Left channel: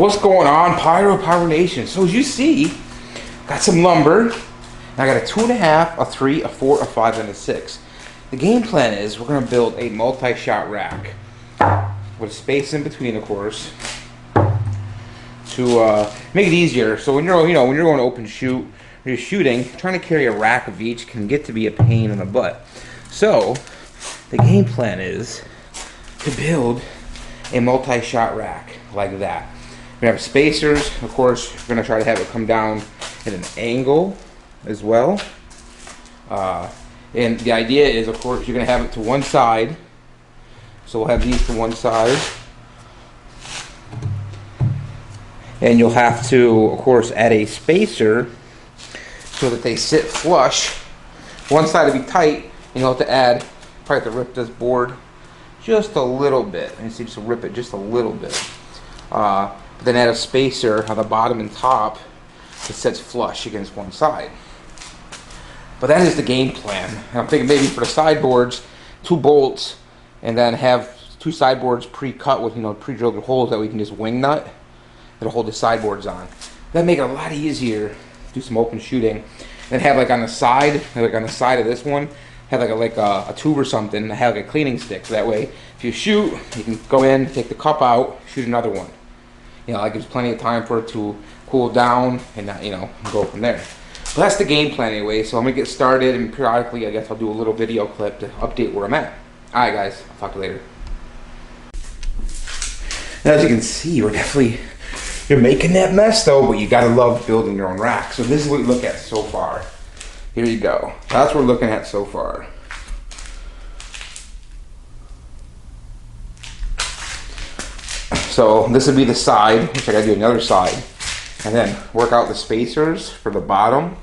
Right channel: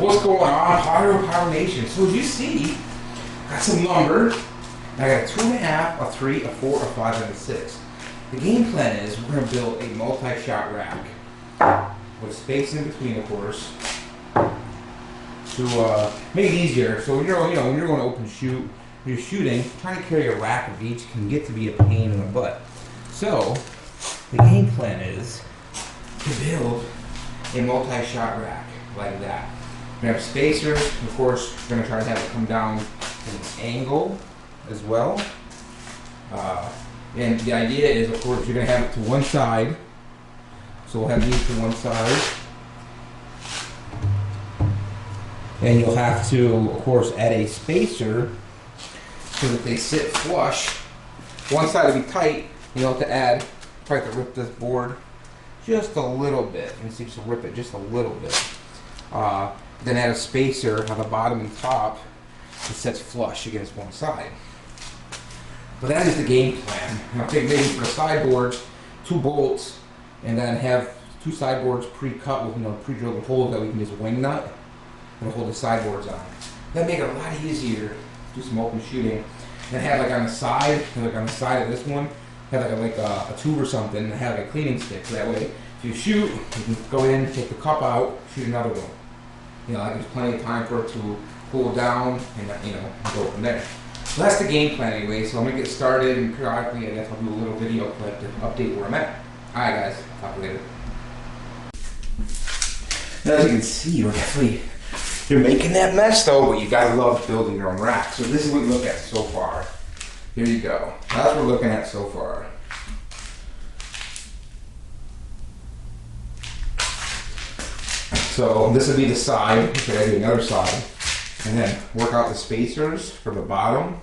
What's going on, PYRO Nation? So as you see, got some lumber. I got a 2.5, a 3, a 4, a 5, and a 6. The game plan is we're going to build a multi-shot rack with space in between, of course, to make it easier. So when you're, when you're going to open shoot, when you're shooting, trying to carry a rack of each can get to be a pain in the butt. So the game plan is to build a multi-shot rack like that. We have spacers, of course. We're going to try to have it come down at an angle as well. And the idea is, of course, you're going to have it to one side. So we'll have these to one side. And you'll have to, of course, add a spacer so that they sit flush. One side will be tight, and you'll have to add, probably have to rip this board just a little bit. And see, just rip it just a little bit. Then add a spacer on the bottom and top that sits flush against one side. But that is the game plan. I'm thinking maybe for the sideboards, 2 bolts, and then have 2 sideboards pre-cut with pre-drilled holes that we can just wing nut. It'll hold the sideboards on. That'll make it a lot easier. Do some open shooting. Then have like on the side, of this one, have like a tube or something, and have like a cleaning stick. So that way, if you shoot, you can go in, take the cup out, shoot another one. Like there's plenty of time for it to cool down and go from there. So that's the game plan anyway. So I'm gonna get started, and periodically I guess I'll do a little video clip to update where I'm at. All right, guys, talk to you later. Now, as you can see, you're making that mess though, but you gotta love building your own rack. So this is what we look at so far. Here you go. That's what we're looking at so far. So this would be the side, which I gotta do another side, and then work out the spacers for the bottom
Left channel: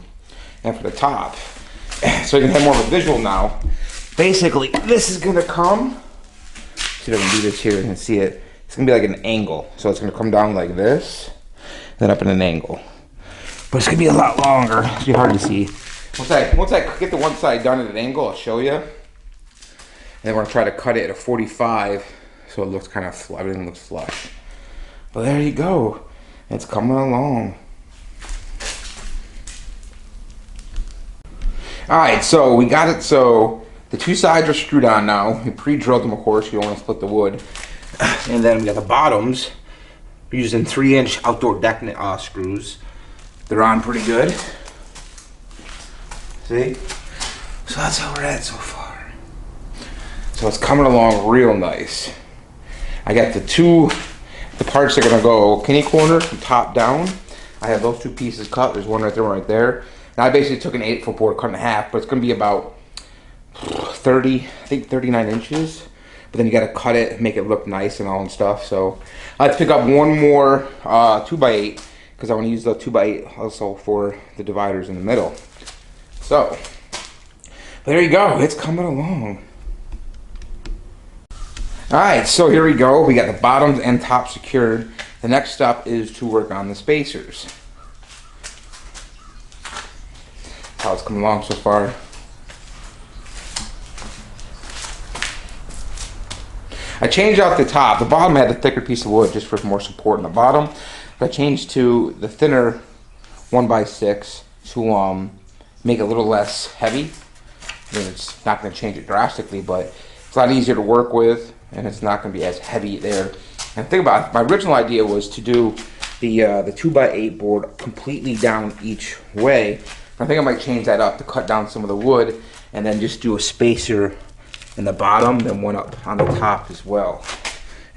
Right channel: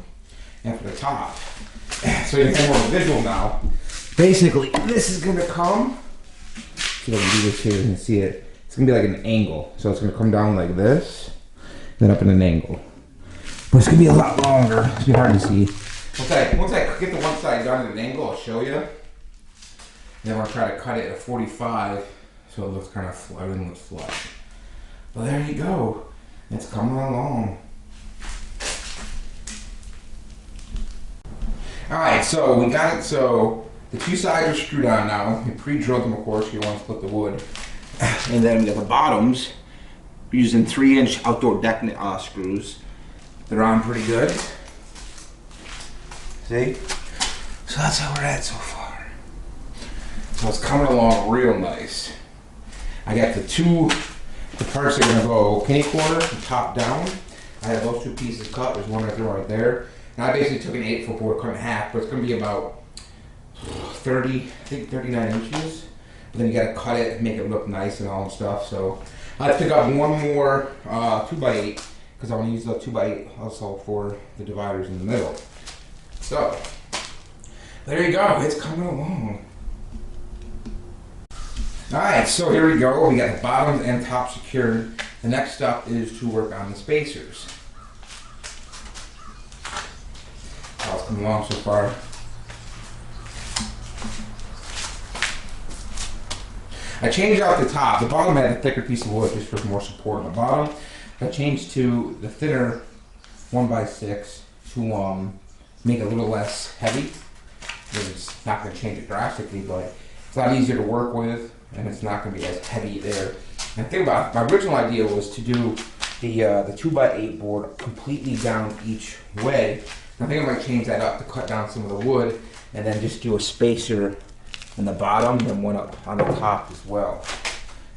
and for the top. So you can have more of a visual now. Basically, this is gonna come, see if I can do this here, you can see it. It's gonna be like an angle. So it's gonna come down like this, then up in an angle. But it's gonna be a lot longer, it's gonna be hard to see. Once I get the one side done at an angle, I'll show you. And then we're gonna try to cut it at a 45. So it looks kind of, everything looks flush. But there you go. It's coming along. Alright, so we got it. So the 2 sides are screwed on now. We pre-drilled them, of course. You don't want to split the wood. And then we got the bottoms. We're using 3-inch outdoor deck screws. They're on pretty good. See? So that's how we're at so far. So it's coming along real nice. I got the parts that are gonna go kidney corner and top down. I have those 2 pieces cut. There's one right there, right there. Now I basically took an 8-foot board, cut in half, but it's gonna be about 39 inches. But then you gotta cut it, make it look nice and all and stuff. So I pick up one more 2x8 because I want to use the 2x8 also for the dividers in the middle. So there you go. It's coming along. Alright, so here we go. We got the bottoms and top secured. The next step is to work on the spacers. How it's coming along so far. I changed out the top. The bottom had a thicker piece of wood just for more support in the bottom. I changed to the thinner 1x6 to make it a little less heavy. It's not going to change it drastically, but it's a lot easier to work with. And it's not going to be as heavy there. And think about it, my original idea was to do the 2x8 board completely down each way. I think I might change that up to cut down some of the wood and then just do a spacer in the bottom and one up on the top as well,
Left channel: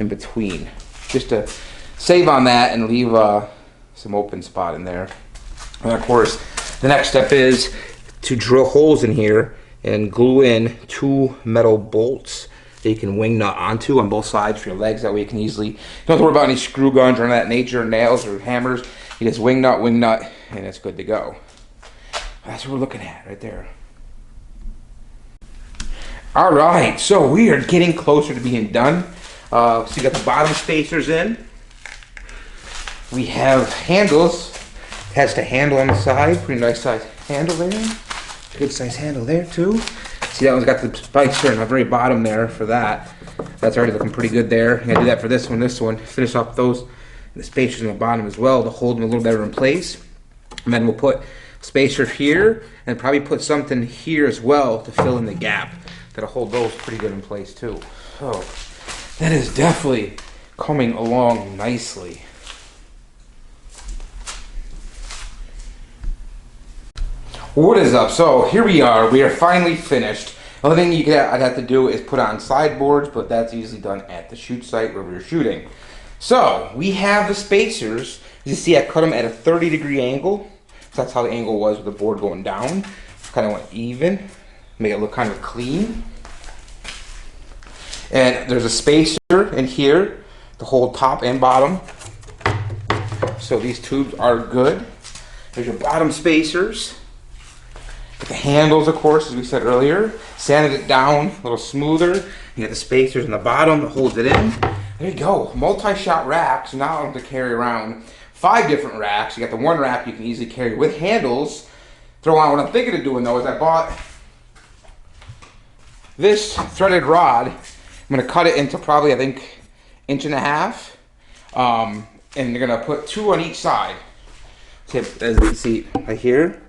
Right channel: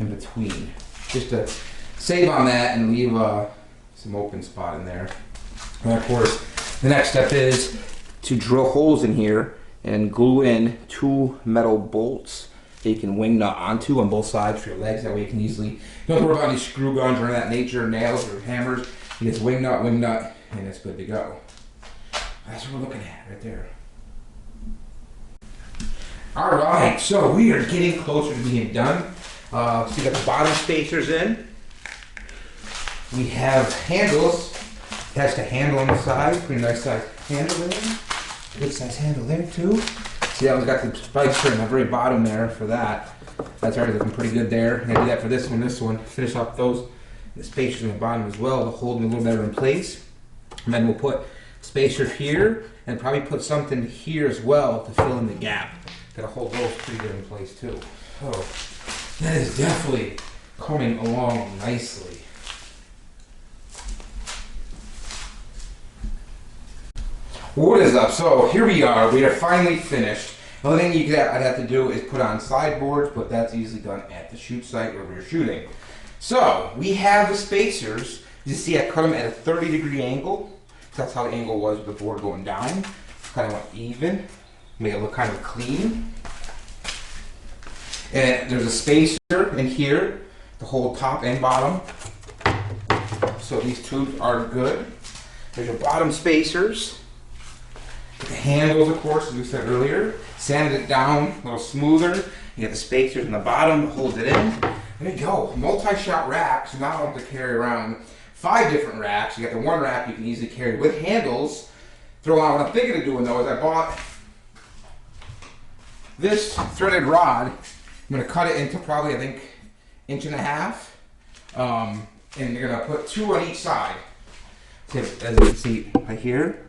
in between. Just to save on that and leave some open spot in there. And of course, the next step is to drill holes in here and glue in 2 metal bolts that you can wing nut onto on both sides for your legs. That way you can easily, don't worry about any screw guns or that nature, nails or hammers. You just wing nut, and it's good to go. That's what we're looking at right there. All right, so we are getting closer to being done. So you got the bottom spacers in. We have handles. It has the handle on the side, pretty nice size handle there. Good size handle there too. See, that one's got the spikes there on the very bottom there for that. That's already looking pretty good there. I'm gonna do that for this one, finish off those the spacers on the bottom as well to hold them a little better in place. And then we'll put a spacer here and probably put something here as well to fill in the gap. That'll hold those pretty good in place too. So that is definitely coming along nicely. What is up? So here we are. We are finally finished. The only thing I'd have to do is put on sideboards, but that's easily done at the shoot site where we're shooting. So we have the spacers. You see I cut them at a 30-degree angle. So that's how the angle was with the board going down. Kind of went even. Make it look kind of clean. And there's a spacer in here to hold top and bottom. So these two are good. There's your bottom spacers. The handles, of course, as we said earlier. Sanded it down a little smoother. You get the spacers in the bottom that holds it in. There you go. Multi-shot racks. Now I don't have to carry around 5 different racks. You got the one rack you can easily carry with handles. Throw on what I'm thinking of doing though is I bought this threaded rod. I'm going to cut it into probably, I think, 1.5 inches. And you're going to put 2 on each side. As you can see right here.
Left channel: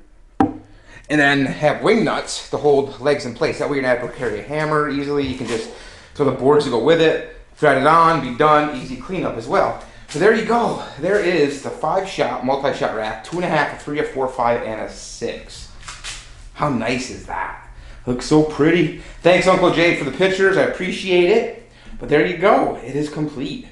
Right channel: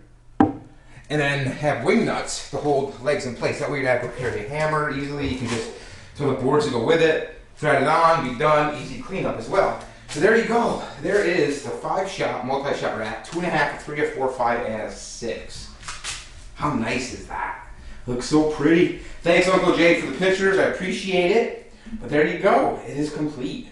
And then have wing nuts to hold legs in place. That way you're not going to carry a hammer easily. You can just throw the boards to go with it, thread it on, be done, easy cleanup as well. So there you go. There is the 5-shot multi-shot rack, 2.5, a 3, a 4, 5, and a 6. How nice is that? Looks so pretty. Thanks Uncle Jay for the pictures. I appreciate it. But there you go. It is complete.